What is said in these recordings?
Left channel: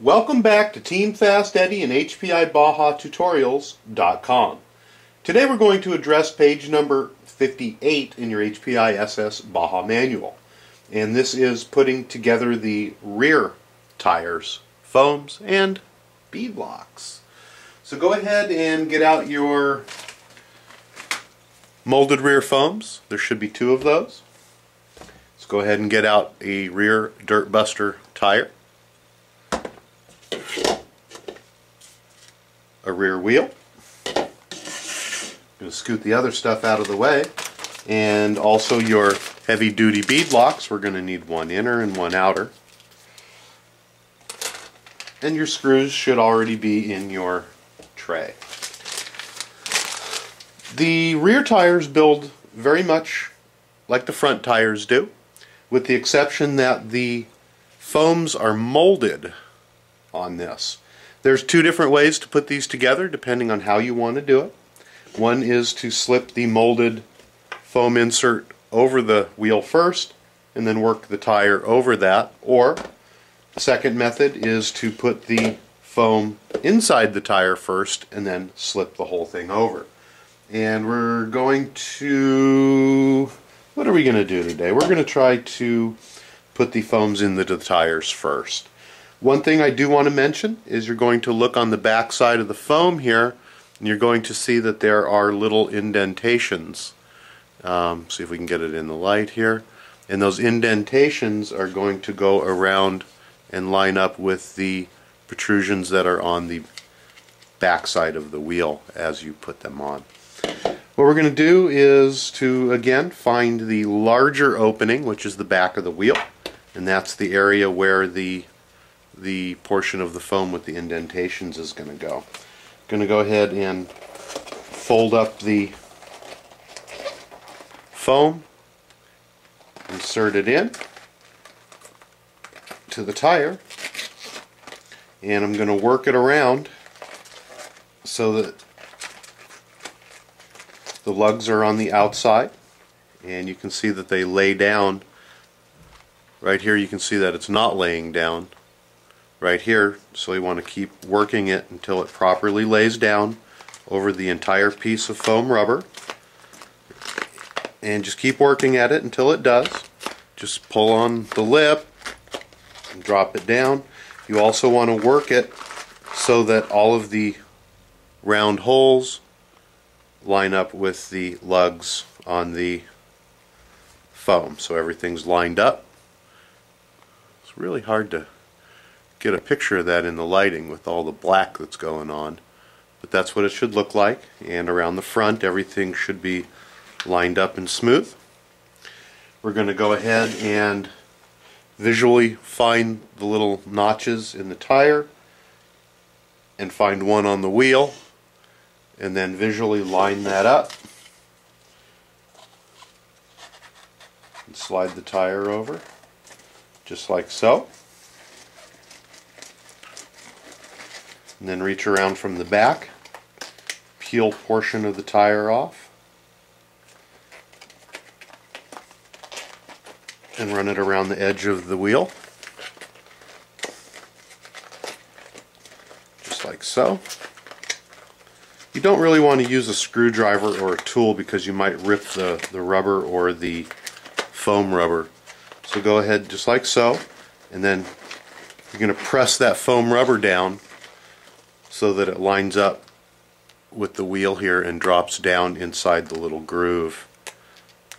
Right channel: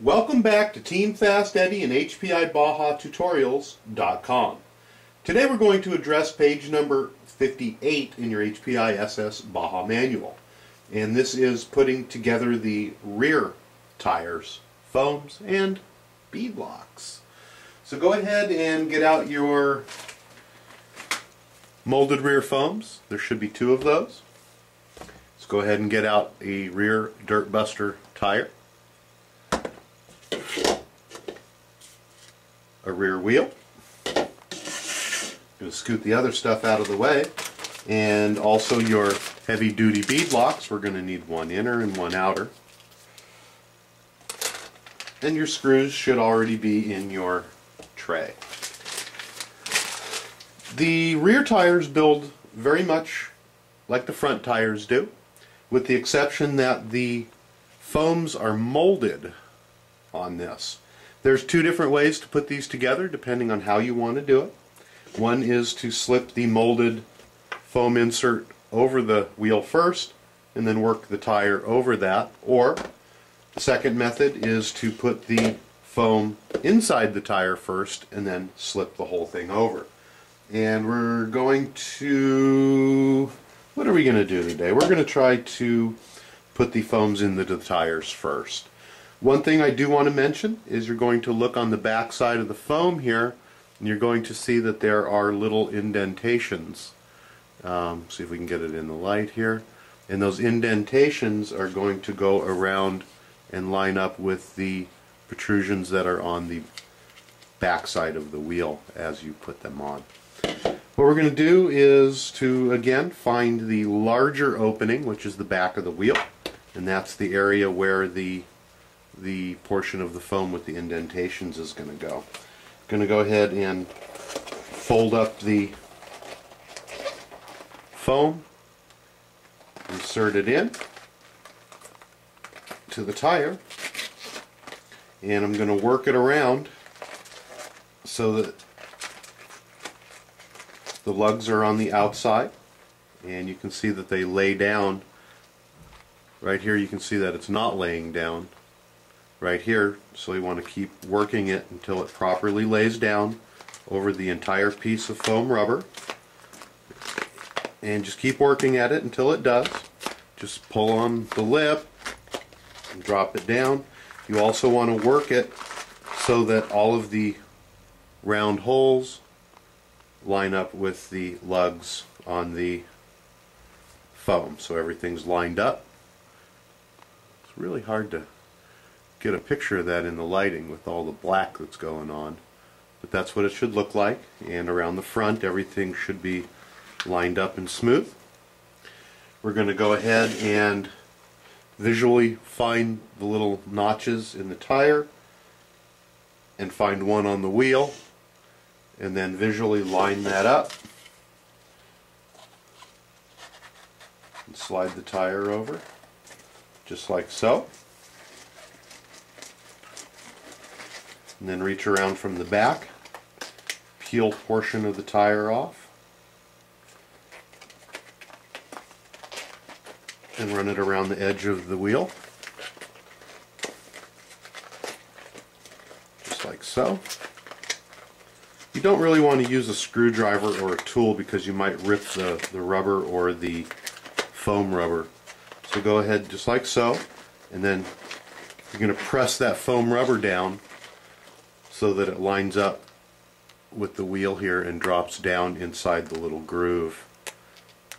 Welcome back to Team Fast Eddy and HPI Baja Tutorials.com. Today we're going to address page number 58 in your HPI SS Baja manual. And this is putting together the rear tires, foams, and bead locks. So go ahead and get out your molded rear foams. There should be 2 of those. Let's go ahead and get out a rear dirt buster tire, a rear wheel. I'm going to scoot the other stuff out of the way, and also your heavy duty bead locks. We're going to need one inner and one outer, and your screws should already be in your tray. The rear tires build very much like the front tires do, with the exception that the foams are molded on this. There's 2 different ways to put these together depending on how you want to do it. One is to slip the molded foam insert over the wheel first and then work the tire over that, or the second method is to put the foam inside the tire first and then slip the whole thing over. And we're going to, what are we going to do today? We're going to try to put the foams into the tires first. One thing I do want to mention is you're going to look on the back side of the foam here, and you're going to see that there are little indentations. See if we can get it in the light here. And those indentations are going to go around and line up with the protrusions that are on the back side of the wheel as you put them on. What we're going to do is to, again, find the larger opening, which is the back of the wheel, and that's the area where the portion of the foam with the indentations is going to go. Going to go ahead and fold up the foam, insert it in to the tire, and I'm going to work it around so that the lugs are on the outside, and you can see that they lay down. Right here you can see that it's not laying down right here, so we want to keep working it until it properly lays down over the entire piece of foam rubber, and just keep working at it until it does. Just pull on the lip and drop it down. You also want to work it so that all of the round holes line up with the lugs on the foam, so everything's lined up. It's really hard to get a picture of that in the lighting with all the black that's going on, but that's what it should look like. And around the front everything should be lined up and smooth. We're going to go ahead and visually find the little notches in the tire and find one on the wheel, and then visually line that up and slide the tire over just like so. And then reach around from the back, peel portion of the tire off, and run it around the edge of the wheel, just like so. You don't really want to use a screwdriver or a tool because you might rip the rubber or the foam rubber. So go ahead just like so, and then you're going to press that foam rubber down so that it lines up with the wheel here and drops down inside the little groove.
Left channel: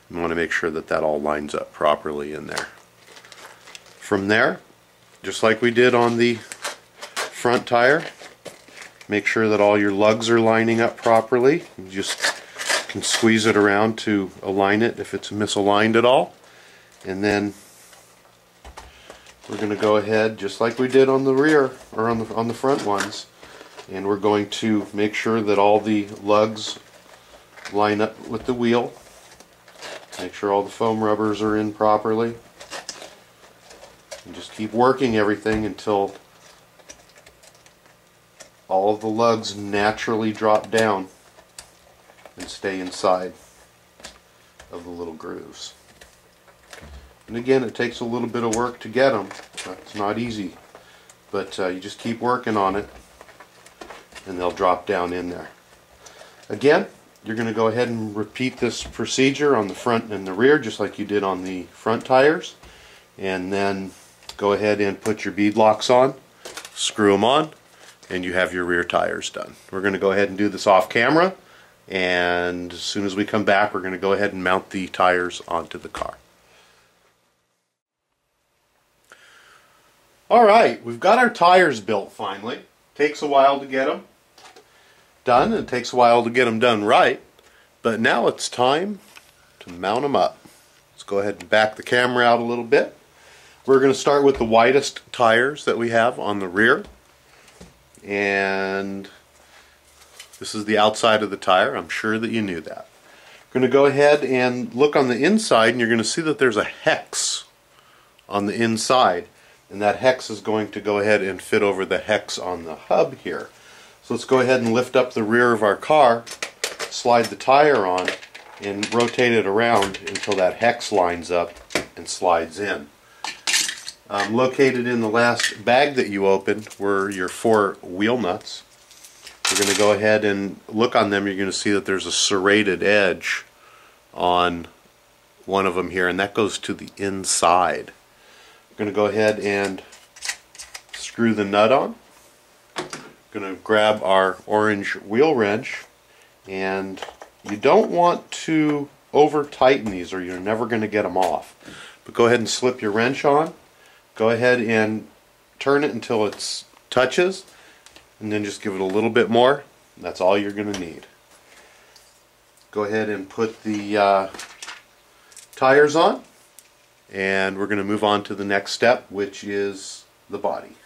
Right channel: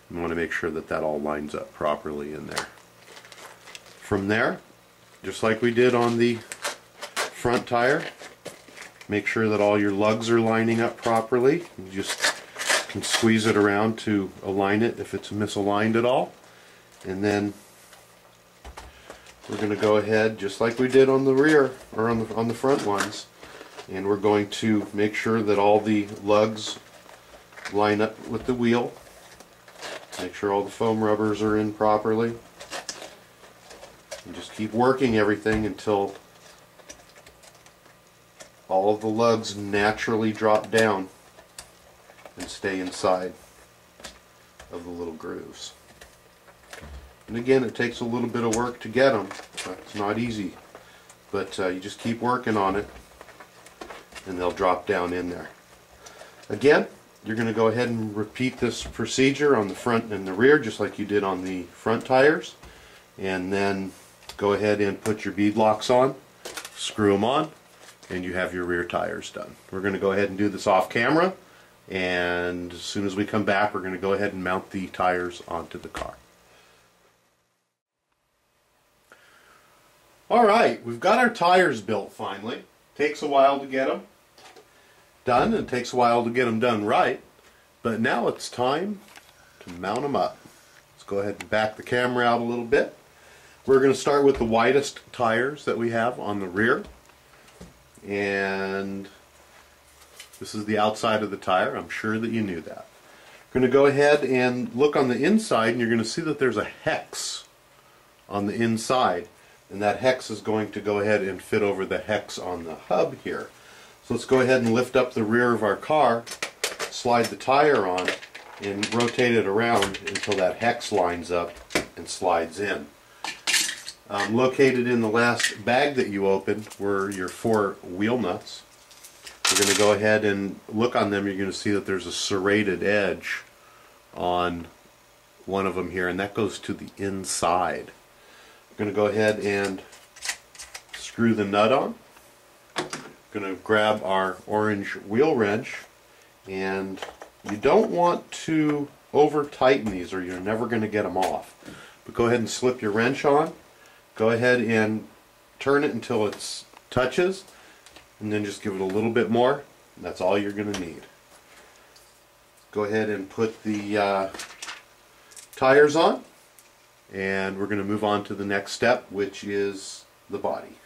You want to make sure that that all lines up properly in there. From there, just like we did on the front tire, make sure that all your lugs are lining up properly. You just can squeeze it around to align it if it's misaligned at all. And then we're going to go ahead just like we did on the rear, or on the front ones, and we're going to make sure that all the lugs line up with the wheel. Make sure all the foam rubbers are in properly, and just keep working everything until all of the lugs naturally drop down and stay inside of the little grooves. And again, it takes a little bit of work to get them, but it's not easy. but you just keep working on it and they'll drop down in there. Again, you're going to go ahead and repeat this procedure on the front and the rear just like you did on the front tires, and then go ahead and put your bead locks on, screw them on, and you have your rear tires done. We're going to go ahead and do this off camera, and as soon as we come back we're going to go ahead and mount the tires onto the car. Alright, we've got our tires built finally. Takes a while to get them done, and it takes a while to get them done right, but now it's time to mount them up. Let's go ahead and back the camera out a little bit. We're going to start with the widest tires that we have on the rear, and this is the outside of the tire. I'm sure that you knew that. We're going to go ahead and look on the inside, and you're going to see that there's a hex on the inside, and that hex is going to go ahead and fit over the hex on the hub here. So let's go ahead and lift up the rear of our car, slide the tire on, and rotate it around until that hex lines up and slides in. Located in the last bag that you opened were your 4 wheel nuts. We're going to go ahead and look on them. You're going to see that there's a serrated edge on one of them here, and that goes to the inside. We're going to go ahead and screw the nut on. Going to grab our orange wheel wrench, and you don't want to over tighten these or you're never going to get them off. But go ahead and slip your wrench on. Go ahead and turn it until it touches, and then just give it a little bit more. That's all you're going to need. Go ahead and put the tires on, and we're going to move on to the next step, which is the body.